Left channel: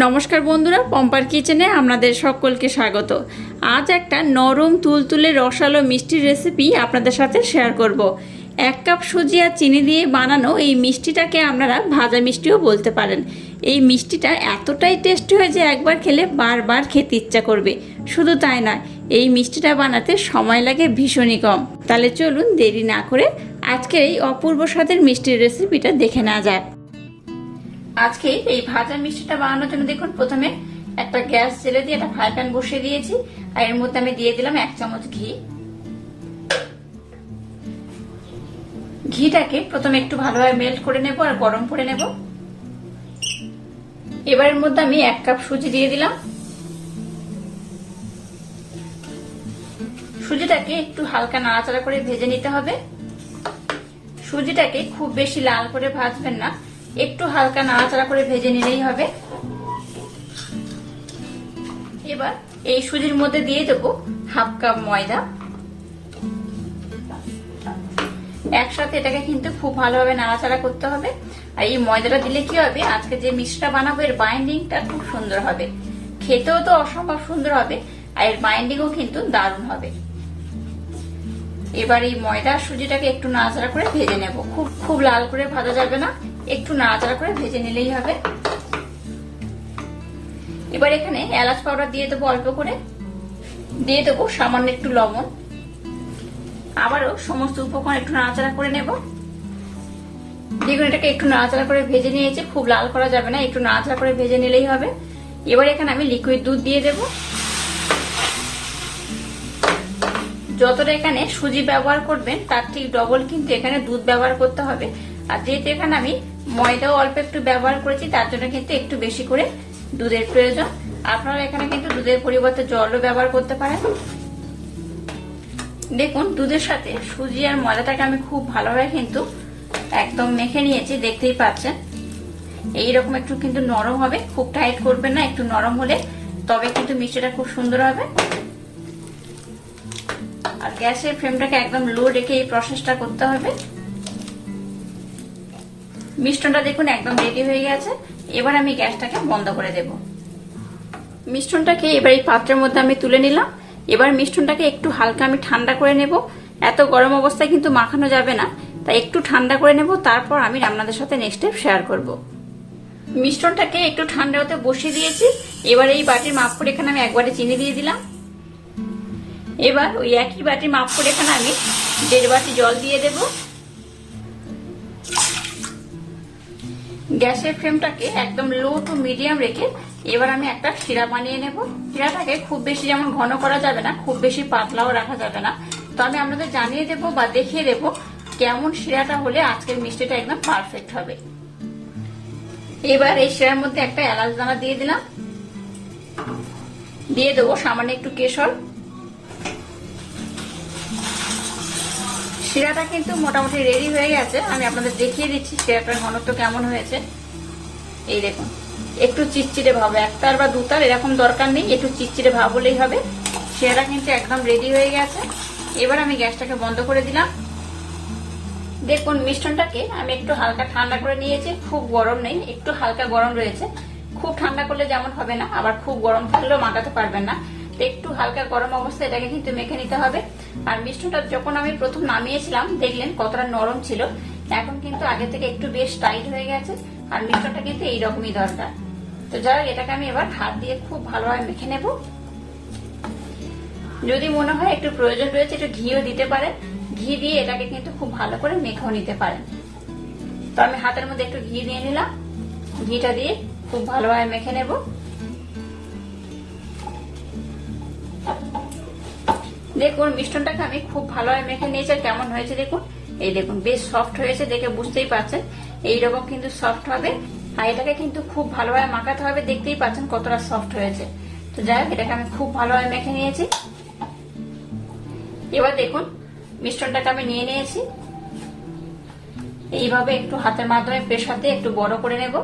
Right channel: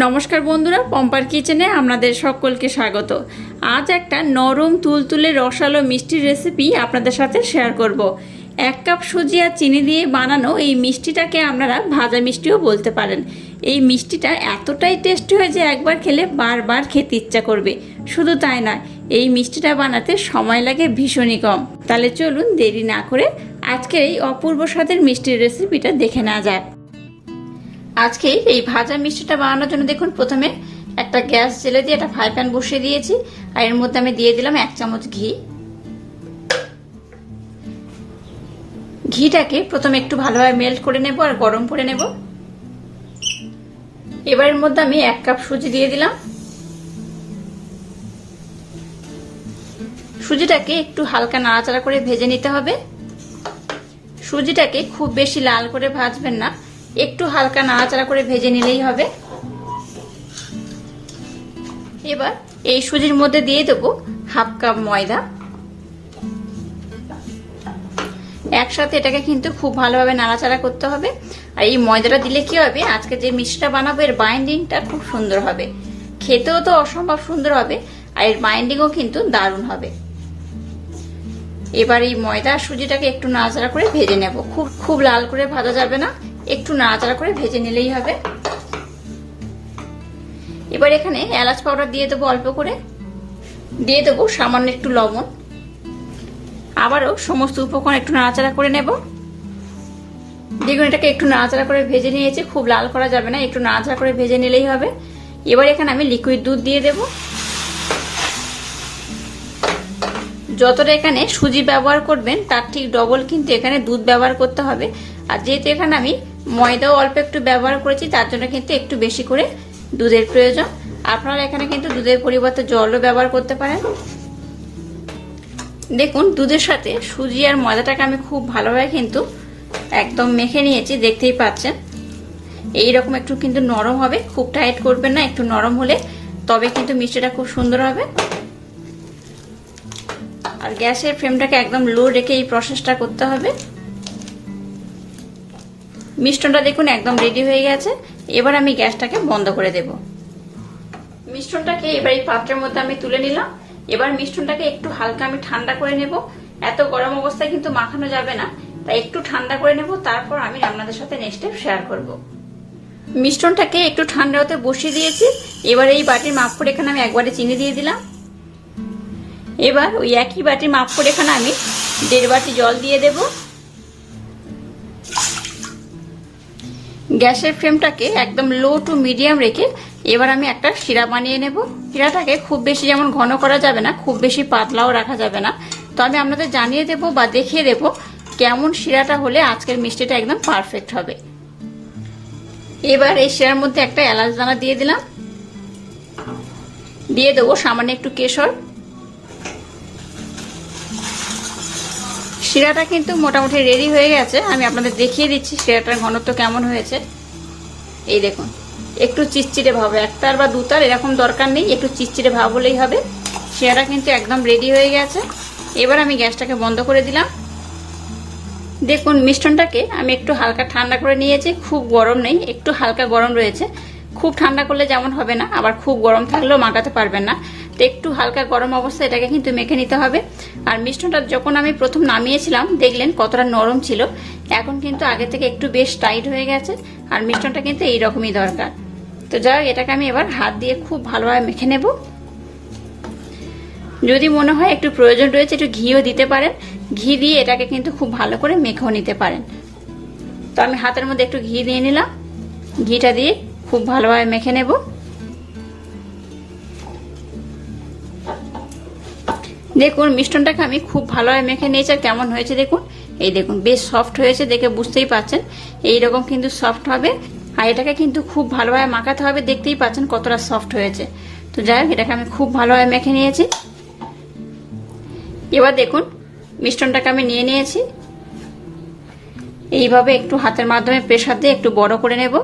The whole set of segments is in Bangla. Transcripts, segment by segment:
নমস্কার বন্ধুরা, পম্পার কিচেনে আপনাদের সকলকে স্বাগত। আজ একটা নরম তুলতুলে রসালো মিষ্টির রেসিপি আপনাদের সাথে শেয়ার করব। 1 কাপ সুজি আর চিনি দিয়ে বানানো এই মিষ্টিটাকে আপনারা ভাজা মিষ্টিও বলতে পারেন। এই মিষ্টিটা এতটাই টেস্টি হয় যে একবার খেলে বারবার খেতে ইচ্ছা করবে। শুধু তাই নয়, এই মিষ্টিটা বানাতে সময় লাগে ভীষণই কম। তাহলে চলুন দেরি না করে আজকের এই অপূর্ব স্বাদের মিষ্টির রেসিপিটা দেখে নেওয়া যাক। আজকে এই ভাজা মিষ্টিটা বানানোর জন্য দেখুন, প্রথমে একটা গ্যাস জেলে দিয়ে একটা ফ্রাই প্যান বসিয়ে দিয়েছি। আর এর মধ্যে আমি দিয়ে দিলাম 1 চামচ ঘি। ঘিটাকে প্রথমে একটু ভালোভাবে মেল্ট করে নেব আর গরম করে নেব। এবার এর মধ্যে আমি 1 কাপ সুজি দিয়ে দিলাম। সুজিটাকে একটু হালকা নাড়াচাড়া করে ভেজে নিতে হবে। সুজিটাকে খুব বেশি লাল করে ভাজবেন না, একটু হালকা নাড়াচাড়া করে ভেজে নিলেই হবে। এবার এই সুজির মধ্যে দিয়ে দেবো 1/2 কাপ ময়দা। একসাথে এটাকে কিন্তু খুব ভালোভাবে নাড়াচাড়া করতে হবে। আর এই ময়দাটা দিলে কি হবে, আজকে যে মিষ্টিটা বানাবো এর বাইন্ডিংটা খুব সুন্দর হবে, খেতেও তো অসম্ভব সুন্দর হবে, আর এর বাইন্ডিংও কিন্তু দারুণ হবে। এবার এই ময়দা সুজিটাকে একটু নাড়াচাড়া করে ভেজে নেব। খুব লাল করে ভাজা যাবে না, একটু নাড়াচাড়া করে ভেজে নিলেই হবে। এবার এখানে এলাচ পাউডার দিয়ে দেবো অল্প করে, দিয়ে দেবো সামান্য একটু লবণ। আবারও সমস্ত উপকরণ একটু নাড়াচাড়া করে নেব। দেখুন, এটাকে একটু নাড়াচাড়া করে ভেজে নিয়েছে, খুব লাল করা যাবে না, একটু নাড়াচাড়া করে ভেজে নিলেই হবে। এবার এখানে আমি লিকুইড দুধ দিয়ে দেব। যতটা এখানে সুজি ব্যবহার করবেন তার ঠিক ডবল কিন্তু এখানে দুধ ব্যবহার করতে হবে। আর যেহেতু এখানে আমি ময়দাও অল্প একটু ব্যবহার করেছি, তার জন্য কিন্তু একটু বেশি করে দুধের প্রয়োজন। আপনারা এখানে কিন্তু দুধের পরিবর্তে জলও ব্যবহার করতে পারেন। দেখুন, দুধের সাথে সুজি আর ময়দাটাকে আমি খুব ভালোভাবে কিন্তু একদম মেখে নিয়েছি, দেখতেই পাচ্ছেন। এইরকম একটু কিন্তু নরম হবে, খুব টাইট করবেন না, একটু নরম হলে তবে কিন্তু মিষ্টিটা খুব সুন্দর হবে। আর গ্যাসের ফ্লেমটাকে একদম লো রেখে এই প্রসেসটা করতে হবে। মিষ্টনটা দেখুন একদম রেডি হয়ে গেছে। এবার আমি গ্যাসটাকে বন্ধ করে দেব। মিষ্টনটাকে এবার এই পাত্রের মধ্যে আমি তুলে নিলাম। এবার মিষ্টনটাকে একটু হালকা আমি ঠান্ডা করে নেব। এত গরম অবস্থায় কিন্তু মাখানো যাবে না, তাই একটু ঠান্ডা করে নেব, তারপর আমি আপনাদের সাথে নেক্সট স্টেপ শেয়ার করব। মিষ্টনটাকে একটু ঠান্ডা হতে বসিয়ে দিয়েছি। এবার এই বাটির মাপ করে এখানে আমি 1 বাটি চিনি দিয়ে দিলাম। এবার ওই একই বাটির মাপ করে এখানে আমি 1.5 বাটি জল দিয়ে দেব। গ্যাসের ফ্লেমটাকে একদম লো টু মিডিয়াম রেখে এবার আমি একটা শিরা বানিয়ে নেব। শিরাটাকে খুব বেশি যেমন ঘন করা যাবে না, খুব বেশি পাতলাও রাখা যাবে না। তো আমি আপনাদের জানিয়ে দেব বা দেখিয়ে দেব কেমন শিরাটা হলে আজকের মিষ্টিটা একদম পারফেক্ট হবে। এবার এই শিরার মধ্যে একটা এলাচ দানা দিয়ে দিলাম। দিয়ে দেবো সামান্য একটু কেশর। শিরাটা কিন্তু মোটামুটি রেডি হয়ে গেছে। আমি আপনাদের দেখিয়ে দিচ্ছি শিরাটার ঘনত্ব কেমন হয়েছে। এই দেখুন, একটু চিটচিটে ভাব, 1 তার বা 2 তার এরকম দরকার নেই, একটু চিটচিটে ভাব হলেই হবে। শিরাটা কিন্তু একদম রেডি হয়ে গেছে। এবার আমি গ্যাসটাকে বন্ধ করে দিলাম। দেখুন, মিষ্টনটাকে আমি একটু হালকা ঠান্ডা করে নিয়েছি, খুব গরম নেই, একটু হালকা গরম রয়েছে। খুব ঠান্ডা করলে যেমন হবে না, আবার খুব গরম থাকলেও মাখাতে পারবেন না। তো একটু হালকা গরম অবস্থায় এটাকে কিন্তু মেখে নিতে হবে। আর মিষ্টনটা যখন আমি প্রথম নামিয়েছিলাম দেখলেন কতটা নরম ছিল, এখন কিন্তু আগে থেকে একটু বেশ টাইট হয়ে গেছে। আর মিষ্টনটা কিন্তু এইরকমই দরকার। তো যাই হোক, এটাকে আমি এবার হাত দিয়ে খুব ভালোভাবে মেখে নেব। যদি মনে হয় একটু প্রয়োজন রয়েছে একটু ঘিও দিতে পারেন, ঘি দিয়ে এটাকে কিন্তু খুব ভালো করে মেখেও নিতে পারেন। তো আমি হাতের মধ্যে একটু ঘি দিয়ে নিলাম। ঘিটা দিয়ে খুব ভালোভাবে মেখে নেব। দেখুন, মিষ্টনটাকে আমি খুব ভালোভাবে মেখে নিয়েছি। আর কেমন হয়েছে দেখুন, এই দেখুন বেশ সফট হয়েছে, দেখে বুঝতেই পারছেন এইরকম কিন্তু সফট হবে। আর এটাকে কিন্তু খুব ভালোভাবে মাখাতে হবে, দেখতেই পাচ্ছেন কতটা সফট হয়েছে। তো যাই হোক, এটাকে আমি খুব ভালোভাবে মেখে নিয়েছি। এবার দেখুন, মিষ্টনটাকে আমি নিয়ে নিয়েছি। এইভাবে একটু হাতের মাধ্যমে প্রেসার দিয়ে একটু বড় করে নেব।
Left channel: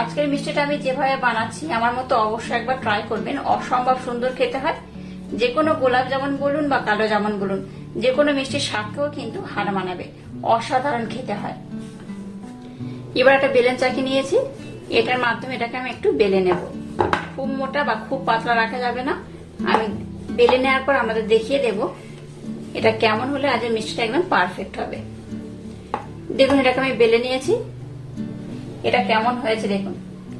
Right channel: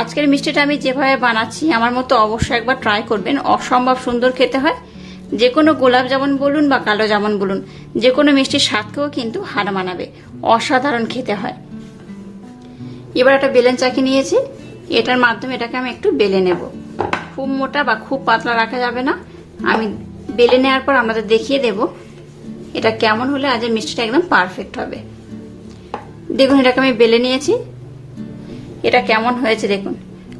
আজকের মিষ্টিটা আমি যেভাবে বানাচ্ছি আমার মতো অবশ্যই একবার ট্রাই করবেন, অসম্ভব সুন্দর খেতে হয়। যে কোনো গোলাপ জামুন বলুন বা কালো জামুন বলুন, যে কোনো মিষ্টির স্বাদকেও কিন্তু হার মানাবে, অসাধারণ খেতে হয়। এবার একটা বেলন চাকি নিয়েছি, এটার মাধ্যমে এটাকে আমি একটু বেলে নেব। খুব মোটা বা খুব পাতলা রাখা যাবে না। আমি বেলে নেওয়ার পর আপনাদের দেখিয়ে দেব এটা কেমন হলে আজ মিষ্টিটা একদম পারফেক্ট হবে। দেখুন এটাকে আমি বেলে নিয়েছি, এটা কেমন হয়েছে দেখুন।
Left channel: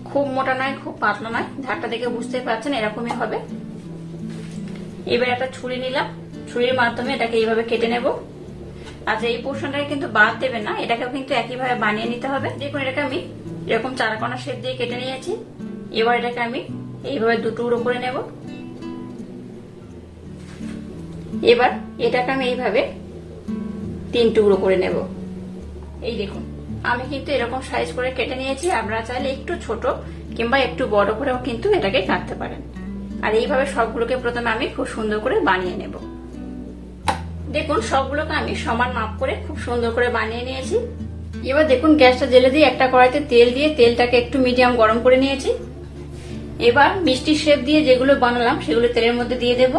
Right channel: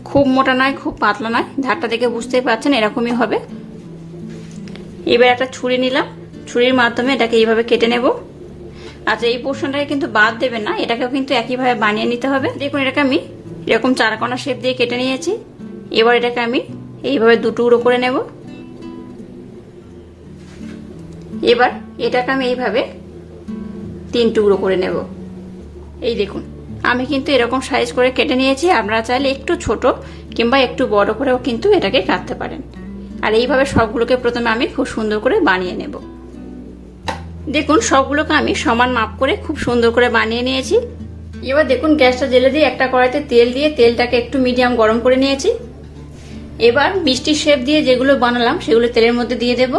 খুব মোটা নয়, খুব পাতলা নয়, ধারটা দেখে বুঝতেই পারছেন এরকমই হবে। এবার একটা ছুরি নিলাম, ছুরির মাধ্যমে এটাকে এইভাবে কেটে নেব। আচ্ছা, এই পোর্শনটাকে কিন্তু বাদ দেবেন না, এটাকেও কিন্তু একইভাবে বানিয়ে নিতে হবে। দেখুন এটাকে আমি এরকম চারকোনা শেপ দিয়ে কেটে নিয়েছি। এবার এটাকে আমি এইভাবে দু টুকরো করে নেব। এবার এটাকে আমি এইভাবে 3 টুকরো করে নেব। এই দেখুন আমি কিন্তু এরকম সাইজ করে কেটে নিয়েছি। আপনারা চাইলে একটু ছোট কিংবা একটু বড় করেও কিন্তু এটাকে কাটতে পারেন। আর এইভাবে সবগুলোকে প্রথমে আমি খুব সুন্দর করে বানিয়ে নেব। দেখুন সবগুলোকে আমি সমান মাপ করে খুব সুন্দর করে বানিয়ে নিয়েছি। এবার দেখুন গ্যাসটা জ্বেলে দিয়ে একটা কড়াইতে তেল দিয়ে তেলটাকে একটু মিডিয়াম গরম করে নিয়েছি। এবার মিষ্টির শেপ দিয়ে যেগুলো বানালাম সেগুলো তেলের মধ্যে দিয়ে দেব।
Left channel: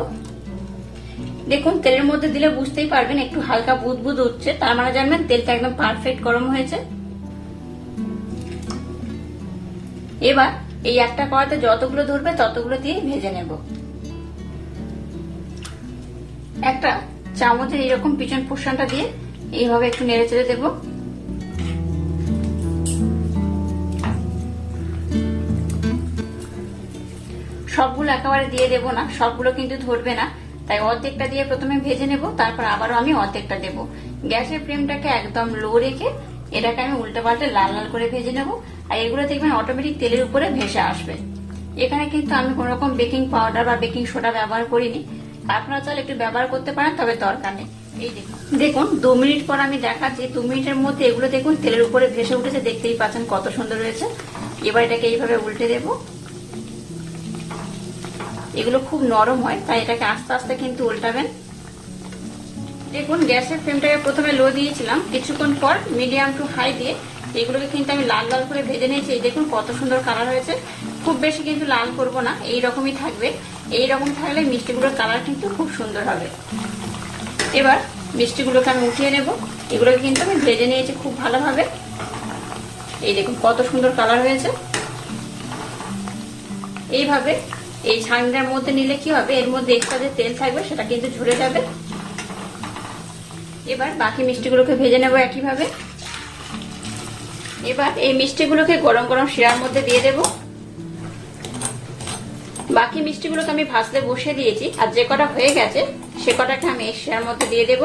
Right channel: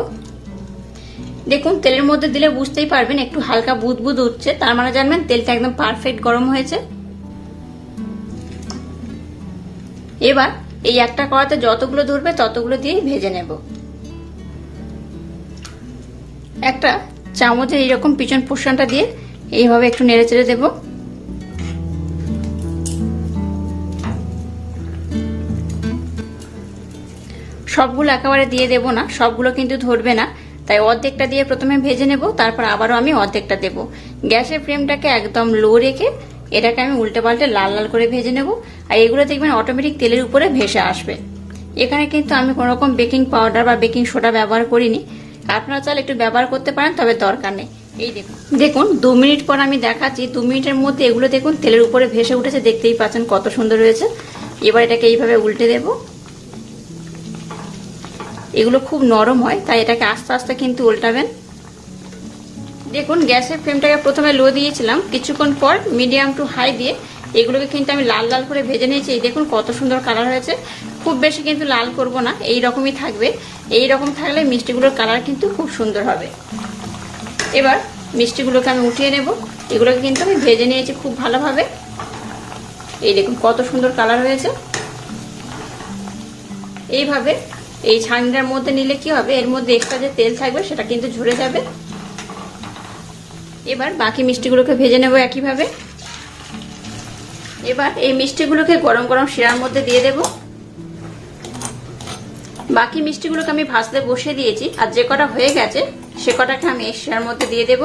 দেখুন তেলের মধ্যে দিলে বুঝতেই পারবেন একটু হালকা বুদবুদ উঠছে, তার মানে জানবেন তেলটা একদম পারফেক্ট গরম হয়েছে। এবার এই একটা কড়াইতে যতগুলো ধরবে ততগুলো দিয়ে ভেজে নেব। একটা চামচে এইরকম পিছন পোর্শনটা দিয়ে এইভাবে একটু নেড়ে চেড়ে দেব। সবগুলো একেবারে দিয়ে দেব না, সবগুলো কিন্তু ধরবে না, তাই অর্ধেকটা দিয়ে প্রথমে ভেজে নেব, তারপর আবারও আমি অর্ধেকটা দেব। গ্যাসের ফ্লেমটাকে একদম লো রেখে এটাকে আমি উল্টে পাল্টে লাল লাল করে ভেজে নেব। আর এগুলো দেখবেন অটোমেটিক তেলের উপরে ভেসে আসবে। এখানে কিন্তু আমি কোনো রকম বেকিং পাউডার বা বেকিং সোডা ব্যবহার করিনি, আপনারা চাইলে একটু ব্যবহার করতে পারেন, তবে দরকার নেই। এই দেখুন 2 মিনিট পর আমি দেখাচ্ছি। 2 মিনিটের মধ্যে এগুলো দেখুন তেলের উপরে ভেসে উঠেছে, দেখতেই পাচ্ছেন কত সুন্দর হয়েছে। এবার এটাকে এইভাবে উল্টে দেব। এগুলো খুব নরম হয়, তাই এটাকে আস্তে আস্তে কিন্তু উল্টাবেন। দেখুন গ্যাসের ফ্লেমটাকে প্রথমে লো দিয়েছিলাম, কিছুক্ষণ পর মিডিয়াম টু হাই দিয়ে এগুলোকে কিন্তু আমি লাল লাল করে ভেজে নিয়েছি। দেখুন কত সুন্দর কালার হয়েছে। খুব বেশি কিন্তু লাল করব না, এই রকমই থাকবে। এই রকম থাকলে মিষ্টিগুলোর কালার কিন্তু খুব সুন্দর হবে। এবার মিষ্টিগুলোকে আমি উঠিয়ে নেব। এগুলোকে কিন্তু আমি ভেজে নিয়েছি খুব ভালোভাবে। এই দেখুন কত সুন্দর কালার হয়েছে। এইভাবে এই ছাঁকনিটার মধ্যে নিলে কি হবে, এর মধ্যে এক্সট্রা যে তেল থাকবে সেটা কিন্তু ঝরে যাবে। এবার বাকি মিষ্টিগুলোকে ভেজে নেব একইভাবে। এবার এই মিষ্টিগুলোকে গরম গরম শিরার মধ্যে দিয়ে দেব। বাকি মিষ্টিগুলোকে আমি ভাজতে বসিয়ে দিয়েছি, আর যে কটা হয়ে গেছে সে কটাকে আমি এই শিরার মধ্যে দিয়ে দেব।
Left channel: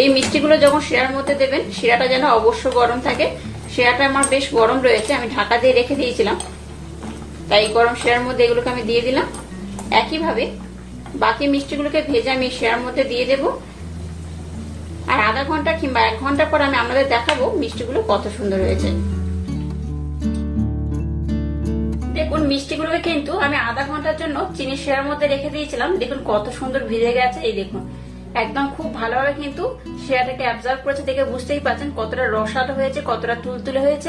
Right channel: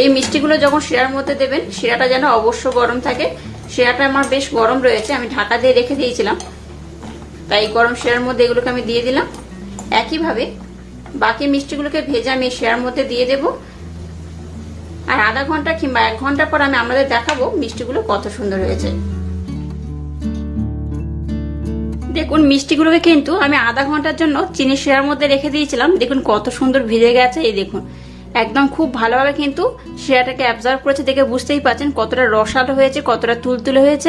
এই মিষ্টিগুলো যখন শিরার মধ্যে দেবেন, শিরাটা যেন অবশ্য গরম থাকে। শিরাটা আমার বেশ গরম রয়েছে, আমি ঢাকা দিয়ে রেখে দিয়েছিলাম, তাই গরম শিরার মধ্যে এগুলোকে আমি দিয়ে দিলাম। একইভাবে বাকি মিষ্টিগুলোকে ভেজে আমি শিরার মধ্যে দিয়ে দেব। আর আধা ঘন্টা কিংবা 1 ঘন্টা পর আমি আপনাদের দেখাবো মিষ্টিগুলো কত সুন্দর হয়েছে। দেখুন মিষ্টিগুলোকে কিন্তু আমি আধা ঘন্টার জন্য চিনি শিরার মধ্যে রেখে দিয়েছিলাম। দেখুন কত সুন্দর ভিজে গেছে। এই দেখুন একদম খুব ভালোভাবে কিন্তু শিরাটাকে অ্যাবজর্ব করেছে, দেখে বুঝতেই পারছেন কতটা রসালো হয়েছে, কতটা তুলতুলে হয়েছে।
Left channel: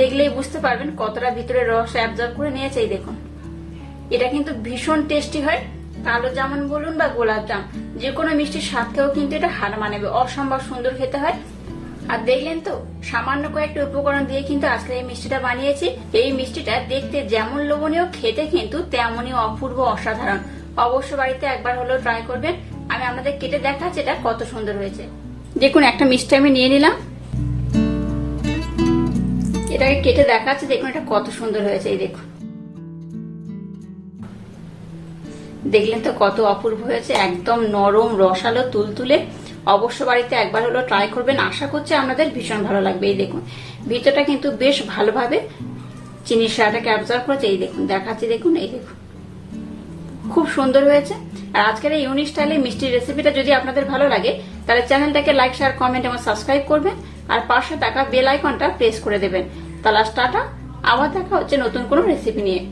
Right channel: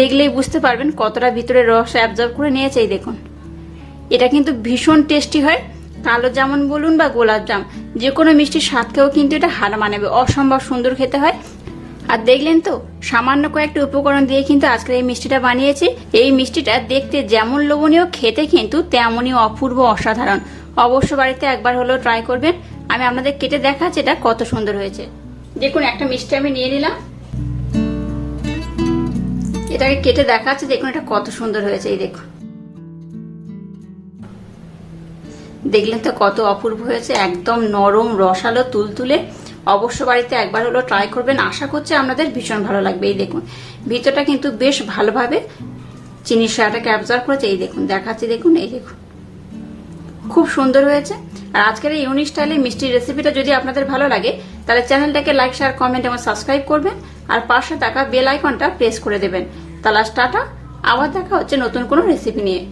দেখলেই বুঝতে পারবেন কতটা ভিতরে রস অ্যাবজর্ব করে নিয়েছে। এই দেখুন এটা কিন্তু ভীষণ টেস্টি হয়। কালো জামুন বলুন বা গোলাপ জাম, যে কোনো মিষ্টির স্বাদকেও কিন্তু এটা হার মানাবে, অসম্ভব সুন্দর খেতে হয়। আর দেখলেন তো সামান্য কয়েকটি উপকরণ দিয়ে কিন্তু আজকে এই মিষ্টিটা বানিয়েছি। এই মিষ্টিটা দেখতে যেমন লোভনীয়, খেতে কিন্তু তেমনই অপূর্ব অসাধারণ। অবশ্য বাড়িতে একবার হলেও ট্রাই করবেন। আমি আপনাদের কেটে দেখাচ্ছি এটা কত সুন্দর হয়েছে। দেখুন একটা মিষ্টি আমি নিয়ে নিলাম, এটাকে কেটে দেখাচ্ছি। দেখুন এটা কত সুন্দর হয়েছে। এই দেখুন দেখলেন তো কত অপূর্ব হয়েছে, একদম নরম রসালো তুলতুলে। অবশ্য বাড়িতে একবার হলো ট্রাই করবেন, আশা করছি আপনাদের ভীষণ ভালো লাগবে। এই দেখুন ভিতরটা কিন্তু বেশ ভালোভাবে চিনির শিরাটাকে অ্যাবজর্ব করেছে। এই দেখুন দেখাচ্ছি, দেখুন এই দেখুন খুব সুন্দর হয়েছে। আর আজকের এই ইউনিক স্টাইলে মিষ্টির রেসিপিটা যদি আপনাদের ভালো লাগে তাহলে চ্যানেলটাকে লাইক, শেয়ার, কমেন্ট এবং সাবস্ক্রাইব করবেন। আর পাশে থাকা বেল আইকনটা প্রেস করে দেবেন। তাহলে টাটা, আবার দেখা হচ্ছে নতুন কোনো রেসিপি নিয়ে।